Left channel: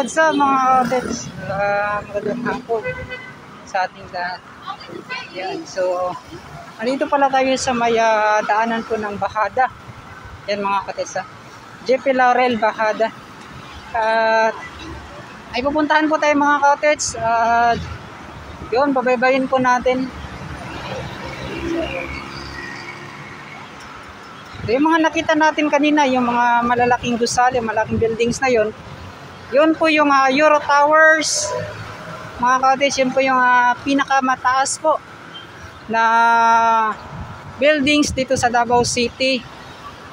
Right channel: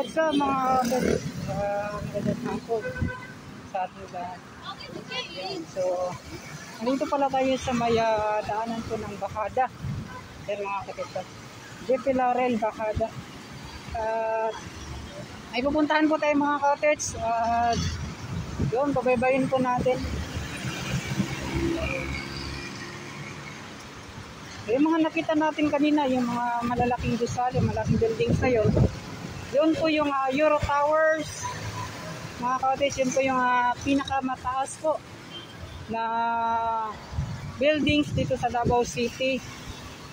what's up mga audits? Magandang hapon sa ating lahat. Yan, so nandito pala tayo sa may daanan po ng Bahada. Yan mga katesa, JP Laurel Bahada. At ay pupuntahan po tayo mga kaotets. Yun, pabaybayin po natin. So, yung mga nakita natin kanina, yung mga malalaking gusali, malaking buildings na yun, yun po yung Euro Towers mga kaotets. Yun po yung pinakamataas po na buildings dito sa Davao City.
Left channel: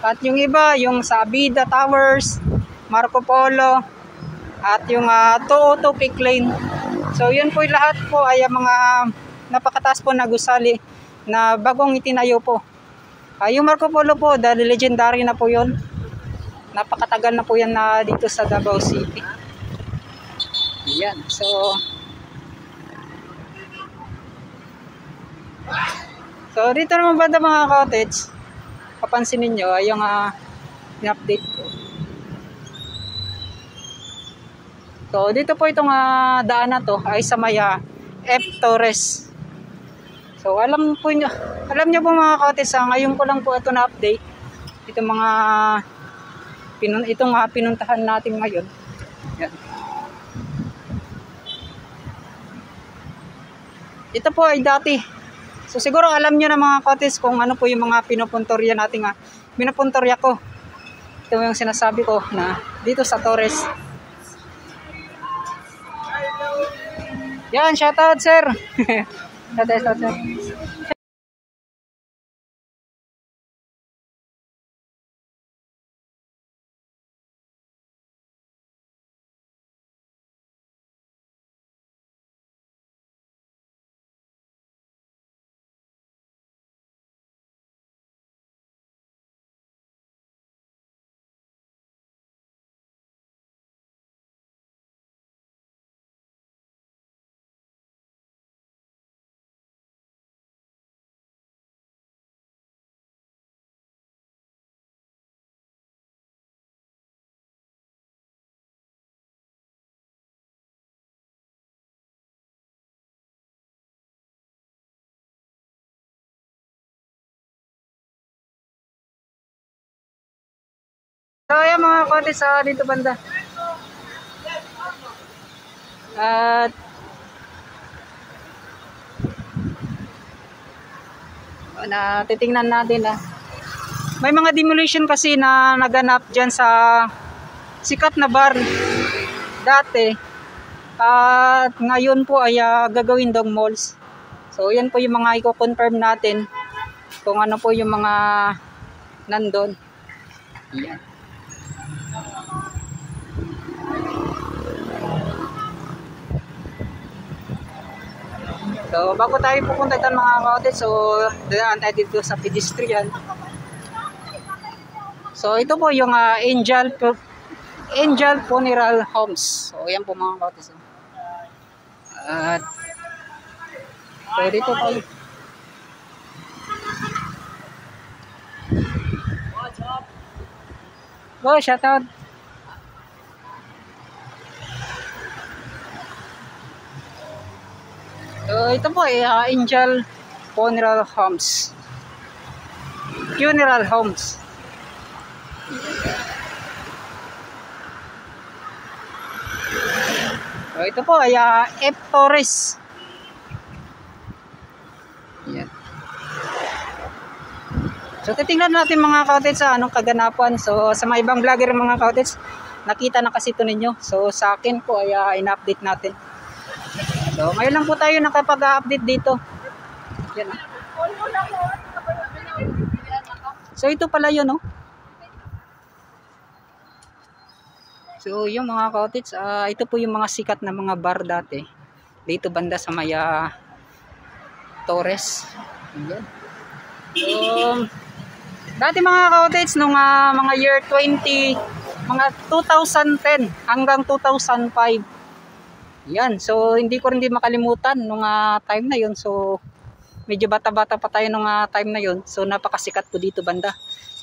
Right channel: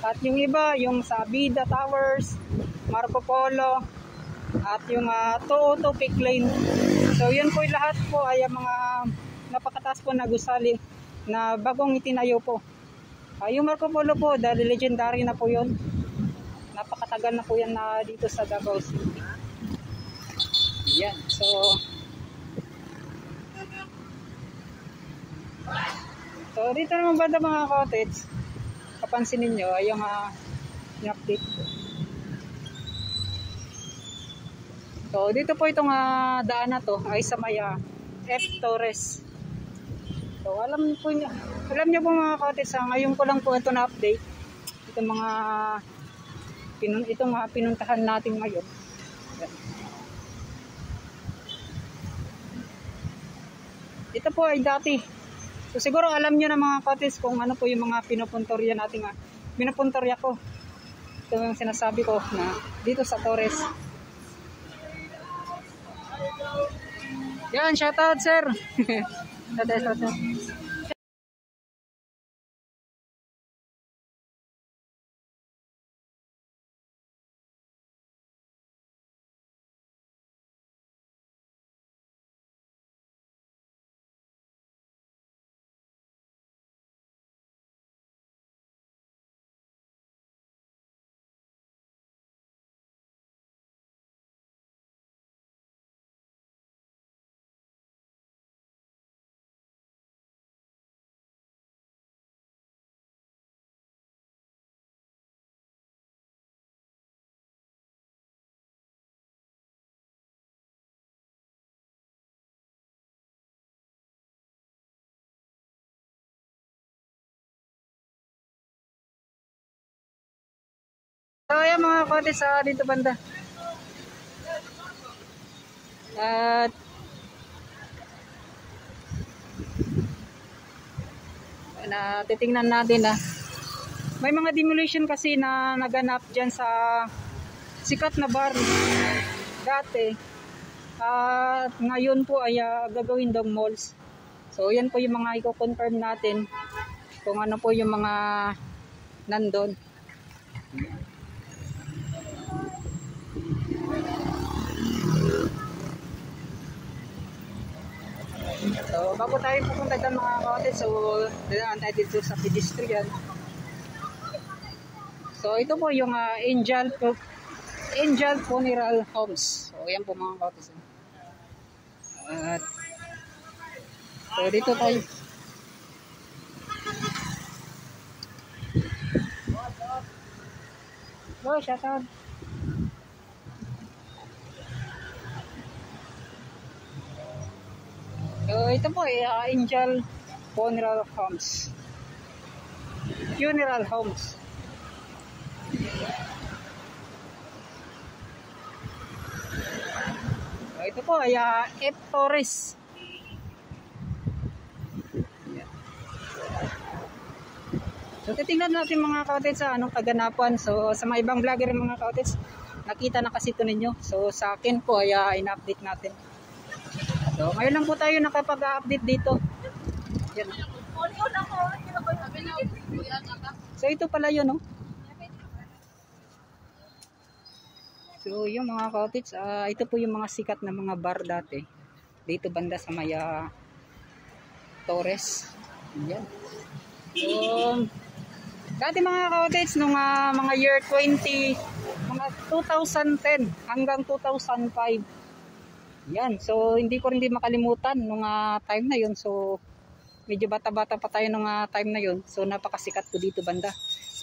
At yung iba, yung sa Abida Towers, Marco Polo, at yung 202 Peak Lane. So yun po lahat po ay mga napakataas po na gusali na bagong itinayo po. Yung Marco Polo po, dahil legendary na po yun. Napakatagal na po yan na dito sa Davao City. Yan, so dito naman banda mga cottage, kapansin ninyo ay yung update ko. So dito po itong daan na to ay sa may F. Torres. So alam niyo po mga cottage, ngayon ko lang po ito na update. Itong mga pinuntahan natin ngayon. Yan. Ito po ay dati. So siguro alam niyo na mga cottage kung ano po yung mga pinupuntorya natin pinupuntorya ko. Ito yung sinasabi ko na dito sa Torres. Yan, shoutout sir. Shoutout sir. So ayan mga cottage dito banda. At titingnan natin may mga demolition kasi na naganap dyan sa sikat na bar dati. At ngayon po ay gagawin dong malls. So yan po yung mga i-confirm natin kung ano po yung mga nandun. Yan. So bago tayo pupunta dyan mga cottage, so daan tayo dito sa pedestrian. So ito po yung Angel Funeral Homes. So yan po mga cottage. At so dito tayo. Go, shoutout. So ito po ay Angel Funeral Homes. So ito po ay F. Torres. Yan. So titingnan natin mga cottage anong kaganapan. So sa mga ibang vlogger mga cottage, nakita na kasi ito ninyo. So sa akin po ay in-update natin. So ngayon lang po tayo nakapag-update dito. Yan. So ito pala yun, no? So yung mga cottage, ito po yung mga sikat na mga bar dati. Dito banda sa may Torres. Yan. So dati mga cottage nung mga year 2010 hanggang 2005. Yan, so hindi ko rin makalimutan nung time na yun. So medyo bata-bata pa tayo nung time na yun. So napakasikat po dito banda.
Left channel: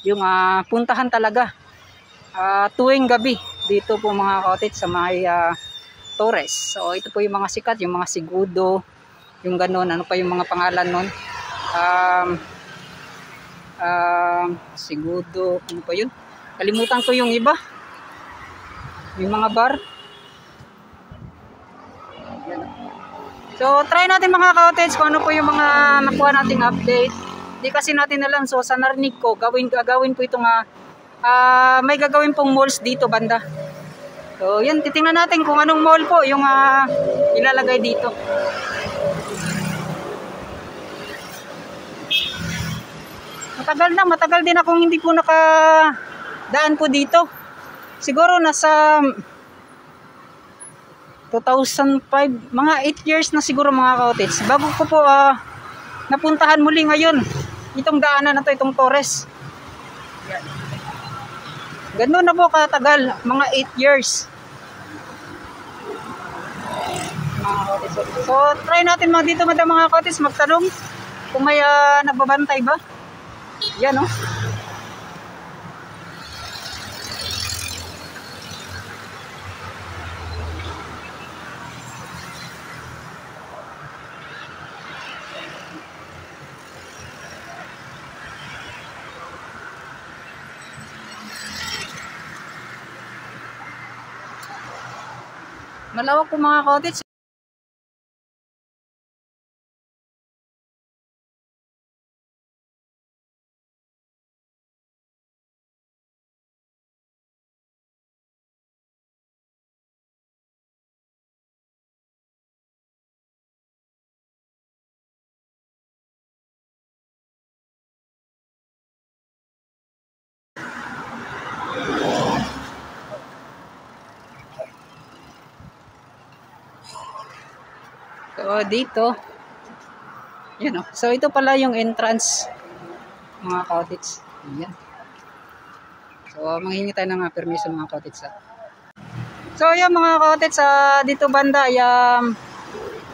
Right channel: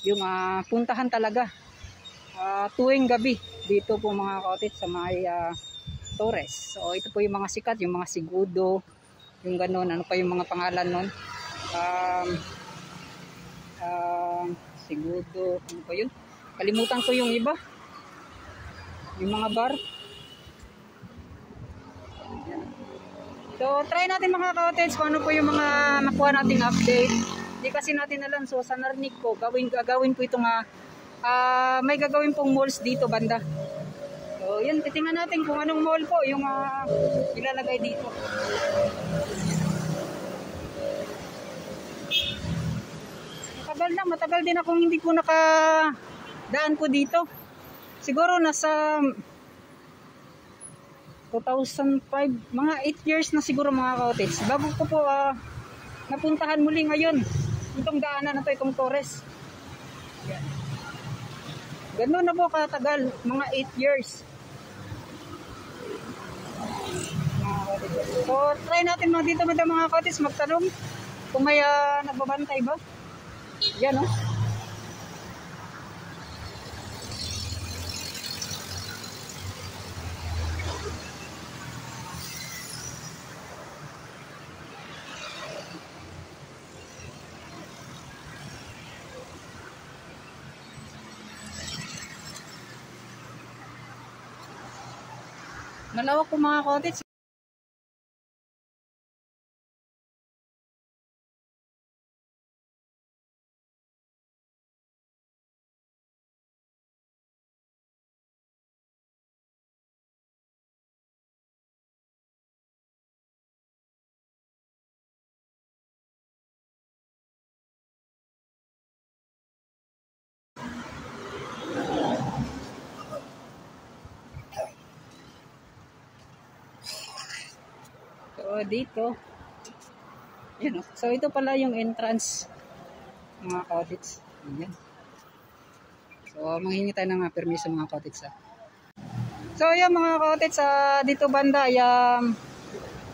Yung puntahan talaga. tuwing gabi dito po mga cottage sa may Torres. So ito po yung mga sikat, yung mga Sigudo, yung ganun, ano pa yung mga pangalan nun, Sigudo, ano pa yun, kalimutan ko yung iba, yung mga bar. So try natin mga cottage kung ano po yung mga nakuha nating update. Hindi kasi natin alam, so sa narinig ko gagawin po itong may gagawin pong malls dito banda. So yan, titingnan natin kung anong mall po yung ilalagay dito. Matagal din akong hindi po nakadaan po dito. Siguro nasa 2005, mga 8 years na siguro mga cottage. Bago ko po napuntahan muli ngayon itong daanan na to, itong Torres. Ganun na po katagal, mga 8 years. So try natin dito mga cottage magtanong kung may nagbabantay ba. Yan o. Malawak po mga cottage. So dito, yun o. So ito pala yung entrance mga cottage. Yan. So manghingi tayo ng permiso mga cottage. So yan mga cottage, dito banda ay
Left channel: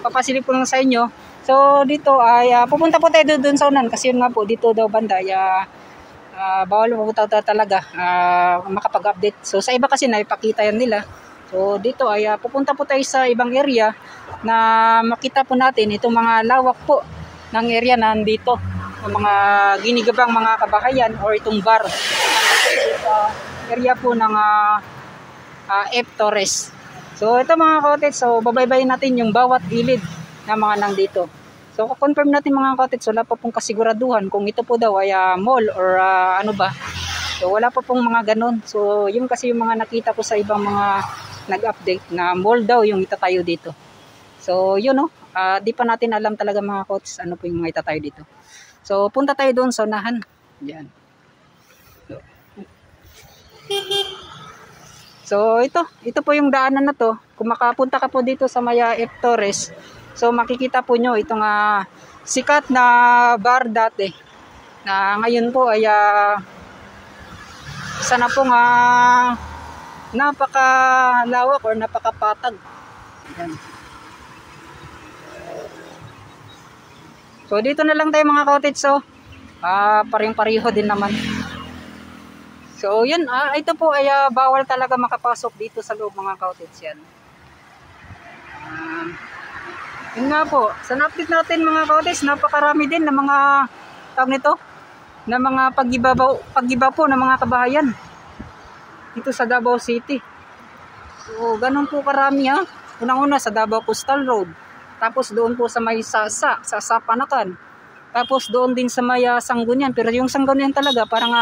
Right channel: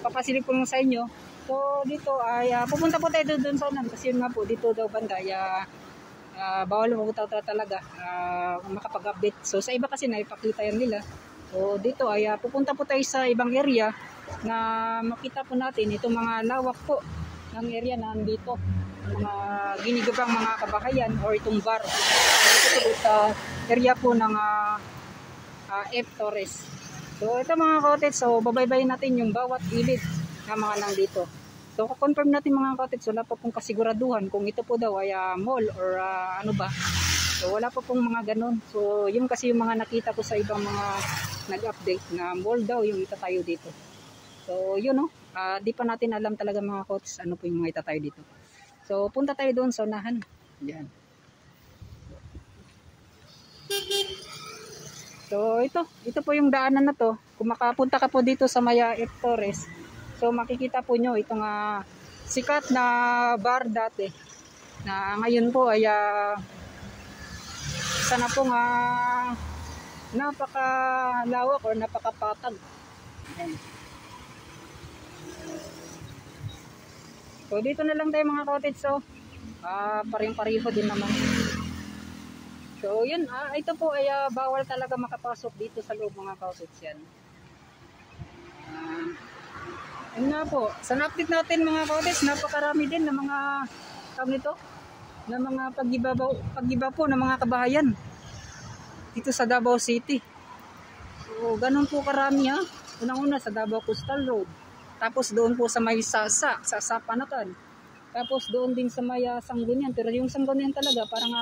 papasilip ko lang sa inyo. So dito ay pupunta po tayo doon sa unan kasi yun nga po dito daw banda ay bawal po talaga makapag-update. So sa iba kasi naipakita yan nila. So dito ay pupunta po tayo sa ibang area na makita po natin itong mga lawak po ng area na nandito, ng mga ginigabang mga kabahayan or itong bar sa area po ng F. Torres. So ito mga cottage, so babaybayin natin yung bawat ilid na mga nandito. So confirm natin mga cottage, wala pa pong kasiguraduhan kung ito po daw ay mall or ano ba. So wala pa pong mga ganun. So yung kasi yung mga nakita ko sa ibang mga nag-update na mall daw yung itatayo dito. So yun no, di pa natin alam talaga mga coach ano po yung mga itatayo dito. So punta tayo doon sa unahan. Yan. So ito po yung daanan na to. Kung makapunta ka po dito sa Maya F. Torres, so makikita po nyo itong sikat na bar dati na ngayon po ay sana po napakalawak or napakapatag. Yan. So dito na lang tayo mga cottage. So paring-pariho din naman. So yun, ito po ay bawal talaga makapasok dito sa loob mga cottage yan. Yun nga po, sa update natin mga cottage, napakarami din ng mga tawag nito, na mga pag-iba po ng mga kabahayan dito sa Davao City. So ganun po karami Unang-una sa Davao Coastal Road. Tapos doon po sa may sa Panakan. Tapos doon din sa may Sangguniang. Pero yung Sangguniang talaga parang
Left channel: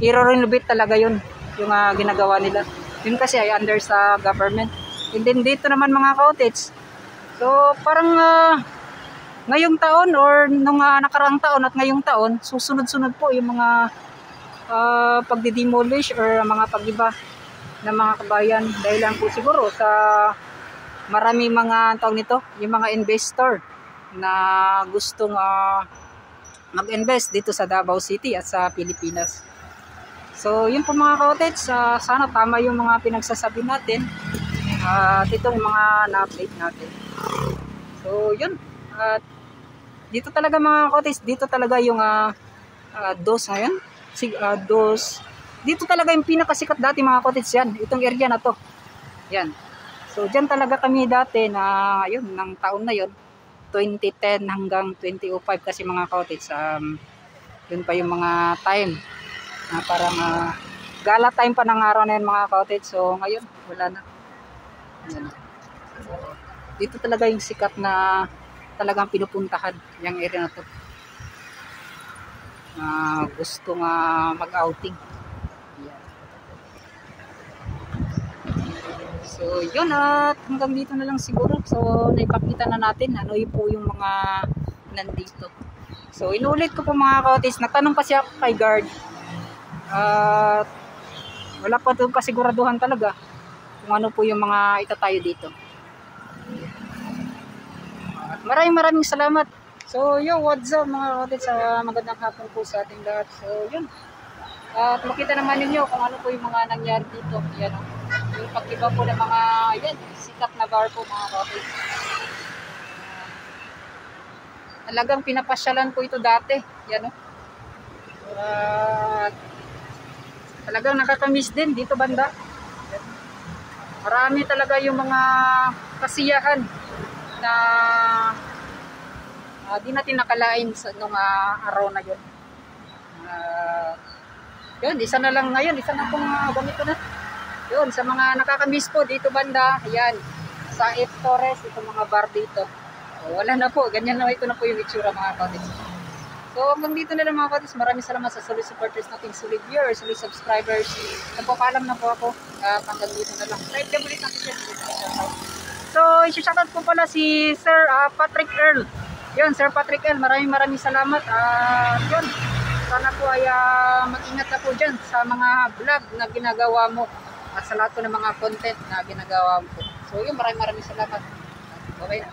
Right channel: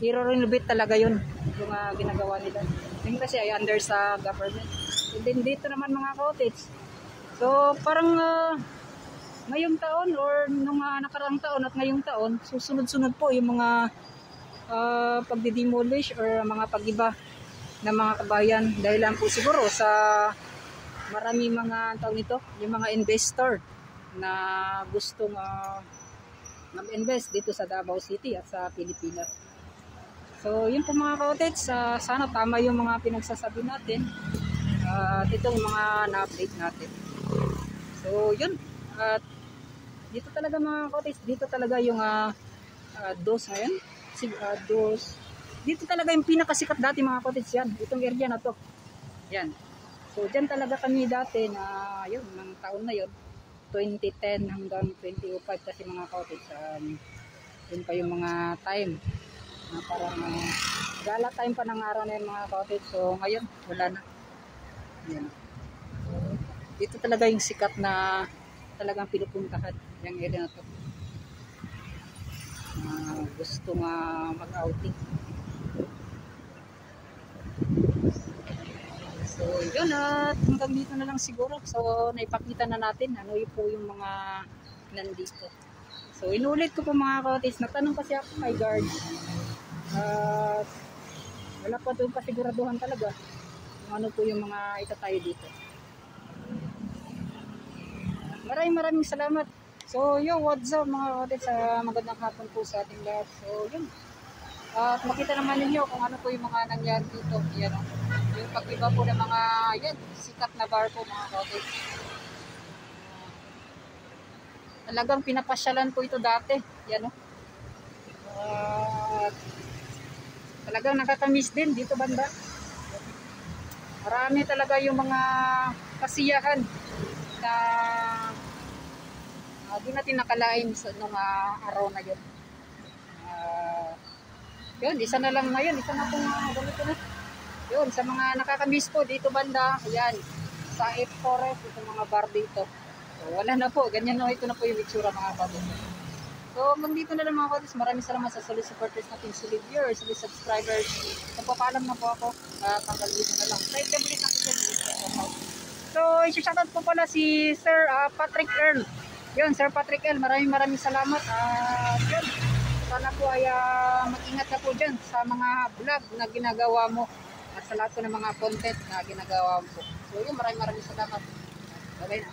i-renovate talaga yun. Yung ginagawa nila. Yun kasi ay under sa government. And then dito naman mga cottage. So parang ngayong taon or nung nakaraang taon at ngayong taon, susunod-sunod po yung mga pagdidemolish or mga pag-iba ng mga kabayan. Dahil lang po siguro sa marami mga tawag nito, yung mga investor na gustong mag-invest dito sa Davao City at sa Pilipinas. So yun po mga cottage, sana tama yung mga pinagsasabi natin at itong mga na-update natin. So yun, dito talaga mga cottage, dito talaga yung dos ngayon, dos dito talaga yung pinakasikat dati mga cottage yan. Itong area na to. Yan. So dyan talaga kami dati na yun, ng taon na yun. 2010 hanggang 2005 kasi mga cottage. Yun pa yung mga time. Parang gala time pa ng araw na yun mga cottage. So ngayon, wala na. Yan. Dito talaga yung sikat na talagang pinupuntahan yung area na to. Gusto mag-outing. So yun, at hanggang dito na lang siguro. So naipakita na natin ano yung po yung mga nandito. So inulit ko po mga cottage, nagtanong kasi ako kay guard. Wala pa doon kasiguraduhan talaga kung ano po yung mga itatayo dito. Maraming salamat. So yo, what's up mga cottage, magandang hapon po sa ating lahat. So yun, at makita naman ninyo kung ano po yung mga nangyari dito. Yan, yung pag-iba po ng mga yan, sikat na bar po mga cottage. Talagang pinapasyalan po ito dati. Yan, talagang nakakamiss din dito banda. Yan. Marami talaga yung mga kasiyahan na di natin nakalain sa nung araw na yun. Yun, isa na lang ngayon, isa na pong ganito na. Yun, sa mga nakakamiss po dito banda, yan, sa F. Torres, ito mga bar dito. Wala na po, ganyan na ito na po yung itsura mga cottage. So hanggang dito na lang mga cottage, maraming salamat sa solid supporters nating, solid viewers, solid subscribers. Nagpapaalam na po ako, hanggang dito na lang. Type na ulit natin. So, isi-shoutout po pala si Sir Patrick Earl. Yun, Sir Patrick Earl, maraming salamat. Yun, sana po ay mag-ingat na po dyan sa mga vlog na ginagawa mo at sa lahat po ng mga content na ginagawa mo. So, yun, maraming salamat. Bye-bye na.